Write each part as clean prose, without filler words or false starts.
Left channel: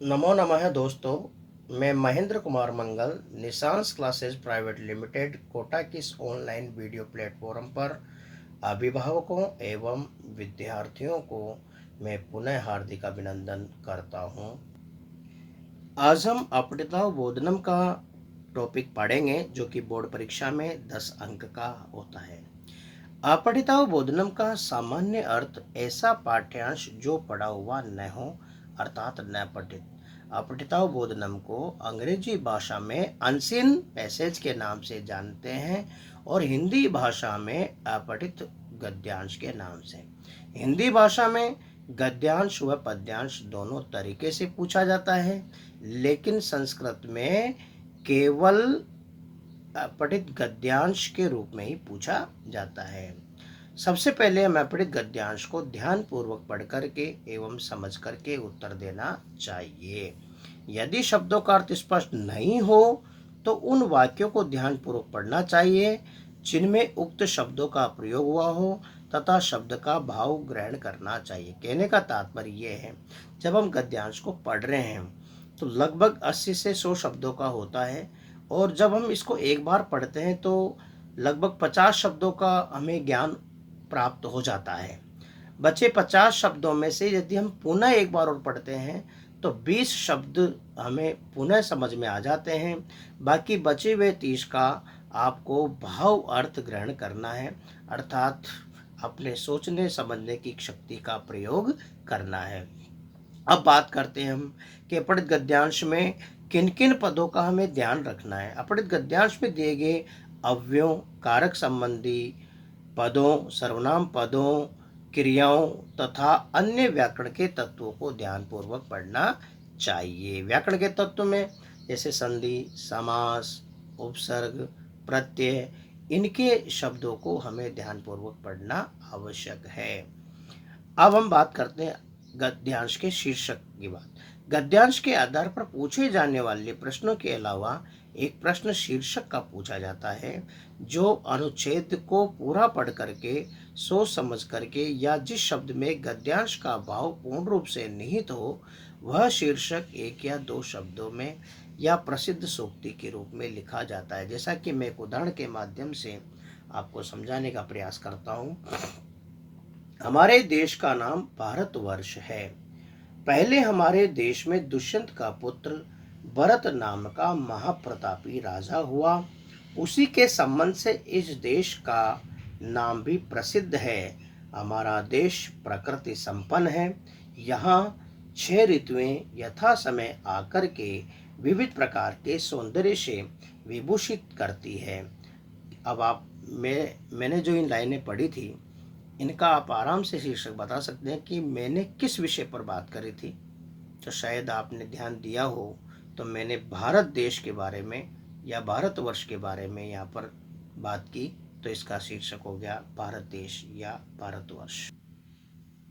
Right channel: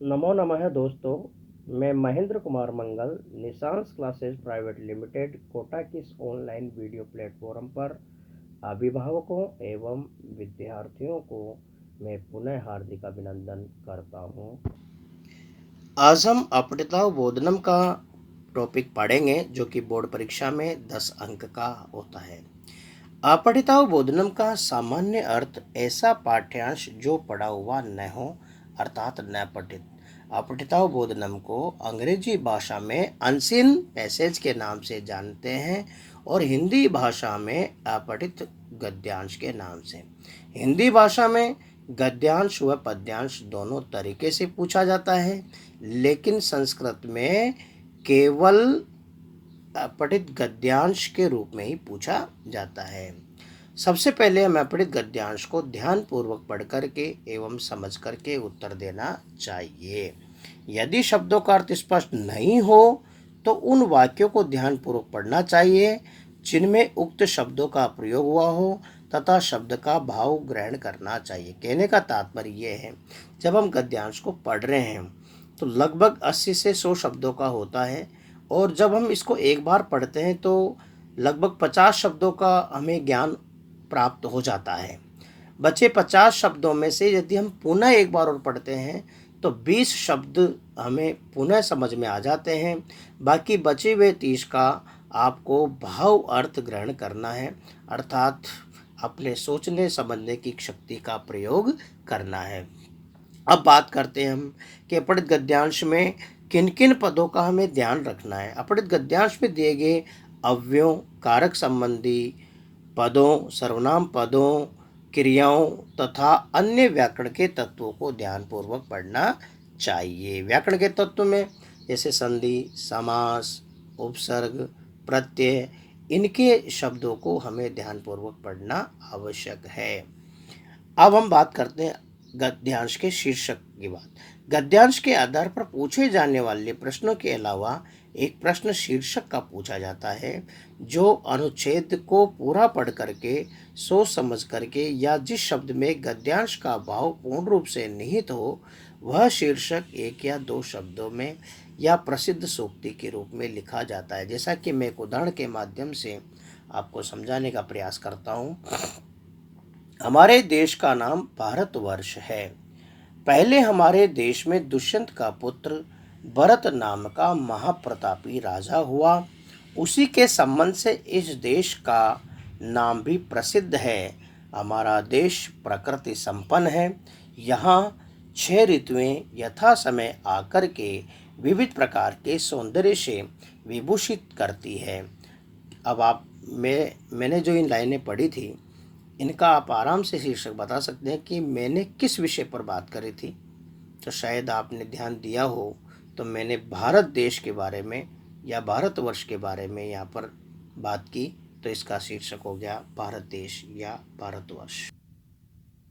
नमो नमः दोस्तों। मैं महेंद्र कुमार मंगल Nissan's classes private limited Kota की इस ऑनलाइन वीडियो प्लेटफॉर्म पर अभिभावकों एवं विद्यार्थियों को मैं पुनः हार्दिक अभिनंदन करता हूं। आज हम अपठिताव बोधनम का टॉपिक पढ़ेंगे जो कि बोर्ड परीक्षा में 10 अंक का होता है। अपठिताव बोधनम का सामान्य अर्थ ऐसा पाठ्यांश जो पढ़ा हुआ न हो अर्थात न पठित। अपठिताव बोधनम को अंग्रेजी भाषा में अनसीन पैसेज के नाम से जानते हैं और हिंदी भाषा में अपठित गद्यांश के नाम से। हिंदी भाषा में गद्यांश व पद्यांश दोनों तरीके से पूछा जाता है, लेकिन संस्कृत में केवल अपठित गद्यांश के रूप में ही पूछा जाता है। सबसे पहले हमें अपठित गद्यांश को ध्यानपूर्वक पढ़ करके एवं समझ करके उत्तर देना चाहिए। यदि शब्दों का अर्थ स्पष्ट नहीं हो तो उन वाक्यों को ध्यानपूर्वक पढ़ना चाहिए जिनमें उक्त शब्दों का प्रयोग हुआ हो तथा शब्द का भाव ग्रहण करना चाहिए। कहने का तात्पर्य यह है, जब हम गद्यांश को पढ़ रहे हैं तो लगभग 80 से 100 शब्दों का होता है और जब हम इसको एक बार पढ़ते हैं तो लगभग 50 शब्दों का हमें ज्ञान प्राप्त हो जाता है। बचे 50 शब्दों में से यदि हम पुनः एक बार और पढ़ते हैं तो 20 शब्द हमें पुनः समझ में आ जाते हैं। बाकी बचे हुए 30 का आपको भाव अर्थ ग्रहण करना है, अर्थात अपने सोचने समझने की शक्ति का प्रयोग करना है। अब बात करते हैं हम कि अपठित गद्यांश में किन किन पदों का हमें ध्यान रखना है। अपठित गद्यांश में दिए गए अव्ययों, कारक संबंधी पदों, सर्वनाम पदों, क्रियाओं तथा अन्य व्याकरण के तत्वों को ध्यानपूर्वक पढ़ना चाहिए। व्याकरण के तत्व में जैसे संधि, समास, उपसर्ग, प्रत्यय, इनके शब्दों को हमें ध्यानपूर्वक पढ़ना आवश्यक है। अब हम बात करते हैं गद्यांश के शीर्षक की बात। गद्यांश के आधार पर पूछे जाने वाले प्रश्नों के अलावा एक प्रश्न शीर्षक का पूछा जाता है जो अनुच्छेद को पूरा पढ़ करके सोच समझ करके या जिस शब्द में गद्यांश का भाव पूर्ण रूप से निहित हो वह शीर्षक एक या दो शब्दों में या प्रसिद्ध सूक्ति के रूप में लिखा जाता है। जैसा कि मैं एक उदाहरण के माध्यम से आपको समझाने का प्रयास करता हूँ। हमारे देश का नाम भारतवर्ष है। पहले हमारे देश में दुष्यंत का पुत्र भरत नाम का महाप्रतापी राजा हुआ। उसी के संबंध से इस देश का नाम भी प्रसिद्ध है। हमारा देश प्रकृति संपन्न है। यहाँ 6 ऋतुएं यथा समय आकर के विविध प्रकार के सौंदर्य से विभूषित करती है। अब मैंने जो इन लाइनें पढ़ी थी इनका आप आराम से शीर्षक बता सकते हैं कि मैंने किस विषय पर बात करी थी। तो शायद आपने ध्यान दिया हो तो मैंने भारत देश के बारे में या भारतवर्ष के बारे में यहाँ पर बात की, तो इसका शीर्षक हो गया भारत देश या भारतवर्ष।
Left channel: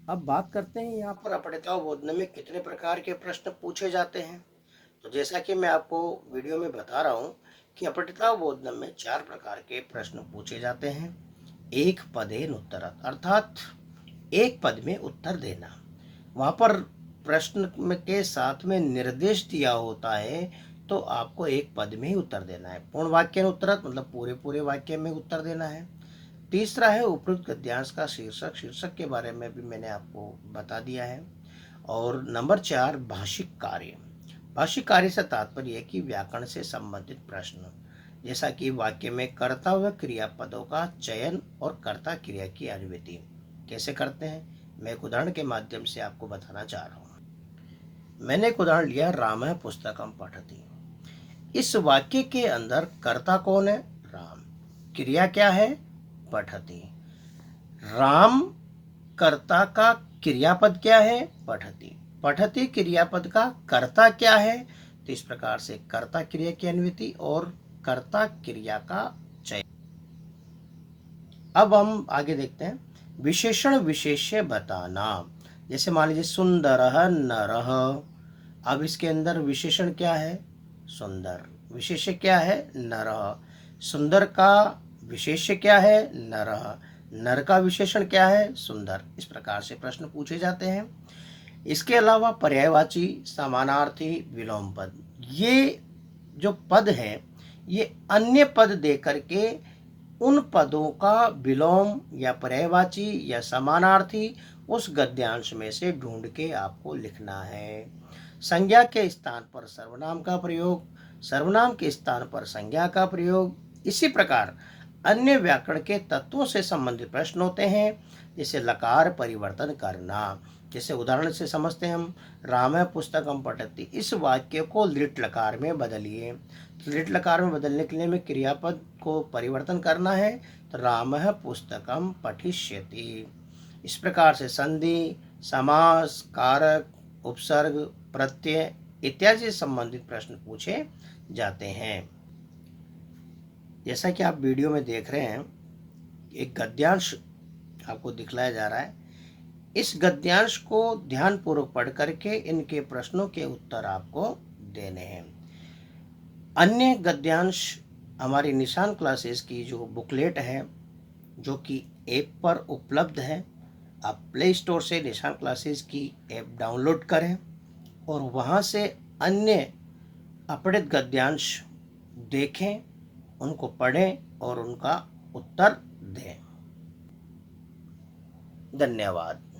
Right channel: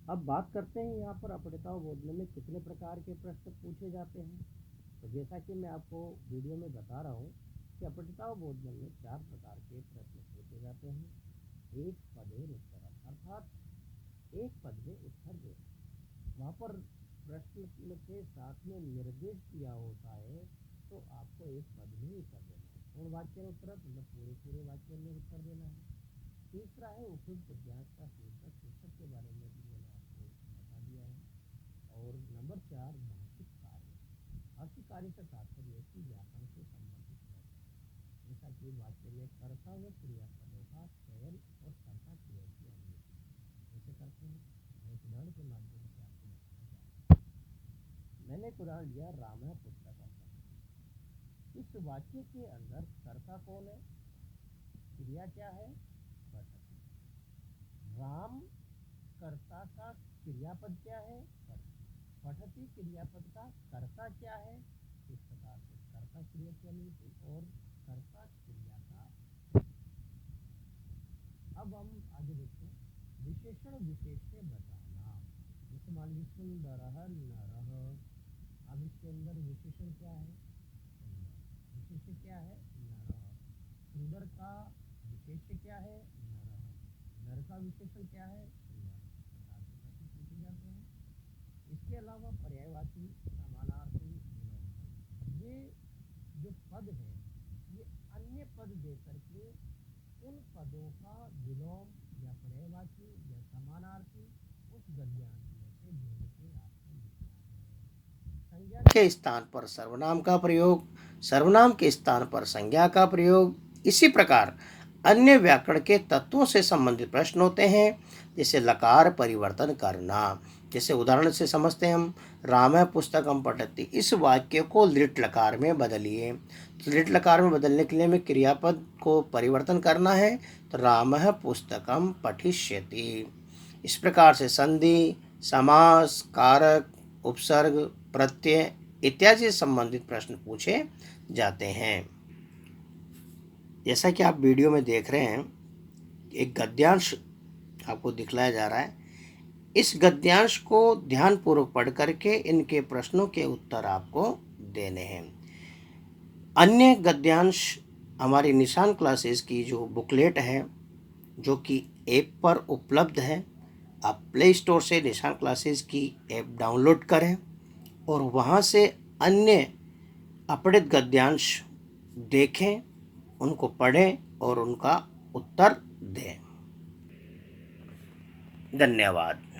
अब बात करते हैं यहाँ पर अपठिताव बोधन में कितने प्रकार के प्रश्न पूछे जाते हैं। तो जैसा कि मैं आपको वीडियो में बता रहा हूँ कि अपठिताव बोधन में 4 प्रकार के प्रश्न पूछे जाते हैं। एक पदेन उत्तरत, अर्थात एक पद में उत्तर देना। वहाँ पर प्रश्न के साथ में निर्देश दिया होता है तो आपको एक पद में ही उत्तर देना है। पूर्ण वाक्य उत्तरत मतलब पूरे पूरे वाक्य में उत्तर देना है। तीसरा है उपयुक्त गद्यांश का शीर्षक। शीर्षक के बारे में भी मैंने आपको बता दिया है। और नंबर 4 भाषिक कार्य। भाषिक कार्य से तात्पर्य है कि व्याकरण से संबंधित प्रश्न, जैसा कि वाक्य में कर्ता व क्रियापदों का चयन और कर्ता क्रिया की अनुवृत्ति कैसे करते हैं, मैं एक उदाहरण के माध्यम से आपको बताना चाह रहा हूँ। मैंने एक उदाहरण लिया, राम पुस्तकम पठति। इस वाक्य के अंदर कर्ता कौन है? राम। क्रिया क्या है? पठति। राम कर्ता का क्रियापद क्या है? पठति। पठति क्रियापद का कर्ता क्या है? तो इस प्रकार से कर्ता क्रिया की अनुवृत्ति और कर्ता क्रिया का चयन। अब हम आगे देखते हैं विशेषण विशेष्य बताना। जैसे मान लीजिए सुंदरः नरः। अब इसके अंदर विशेषण क्या है? सुंदर। विशेष्य क्या है? नरः। सुंदर का विशेष्य क्या है? नरः। नर का विशेषण क्या है? सुंदर। इस प्रकार से प्रश्न पूछे जाते हैं। इसके अलावा पर्यायवाची, समानार्थी, विलोम पद, ये जो पद हैं ये अन्य पद दे करके उन पदों का विलोम या पर्यायवाची या समानार्थी उस गद्यांश में से ढूंढ के आपको लिखना है। संज्ञा के स्थान पर सर्वनाम का प्रयोग, सर्वनाम के स्थान पर संज्ञा का प्रयोग, इसी प्रकार अन्य व्याकरण के तत्वों से संबंधित प्रश्न होते हैं, जैसे लकार परिवर्तन करना। जैसे उदाहरण से समझते हैं हम, राम पुस्तकम पठति, इस वाक्य को लिट लकार में बदलिए। तो लिट लकार में बदलने के लिए हमें क्रियापद को परिवर्तन करना है, तो राम पुस्तकम पठिष्यति। इस प्रकार से संधि, समास, कारक, उपसर्ग, प्रत्यय इत्यादि से संबंधित प्रश्न पूछे जाते हैं। जैसा कि आप वीडियो में देख रहे हैं, एक गद्यांश आपको दिखलाया जा रहा है। इस गद्यांश को ध्यानपूर्वक पढ़ करके इनके प्रश्नों के उत्तर आपको देने हैं। अन्य गद्यांश हमारी निशान क्लासेस की जो बुकलेट है, जो कि ऐप पर उपलब्ध है, आप प्ले स्टोर से निशान क्लासेस की ऐप डाउनलोड करें और वहाँ से अन्य अपठित गद्यांश देखें, उनको पढ़ें और उनका उत्तर दें। धन्यवाद।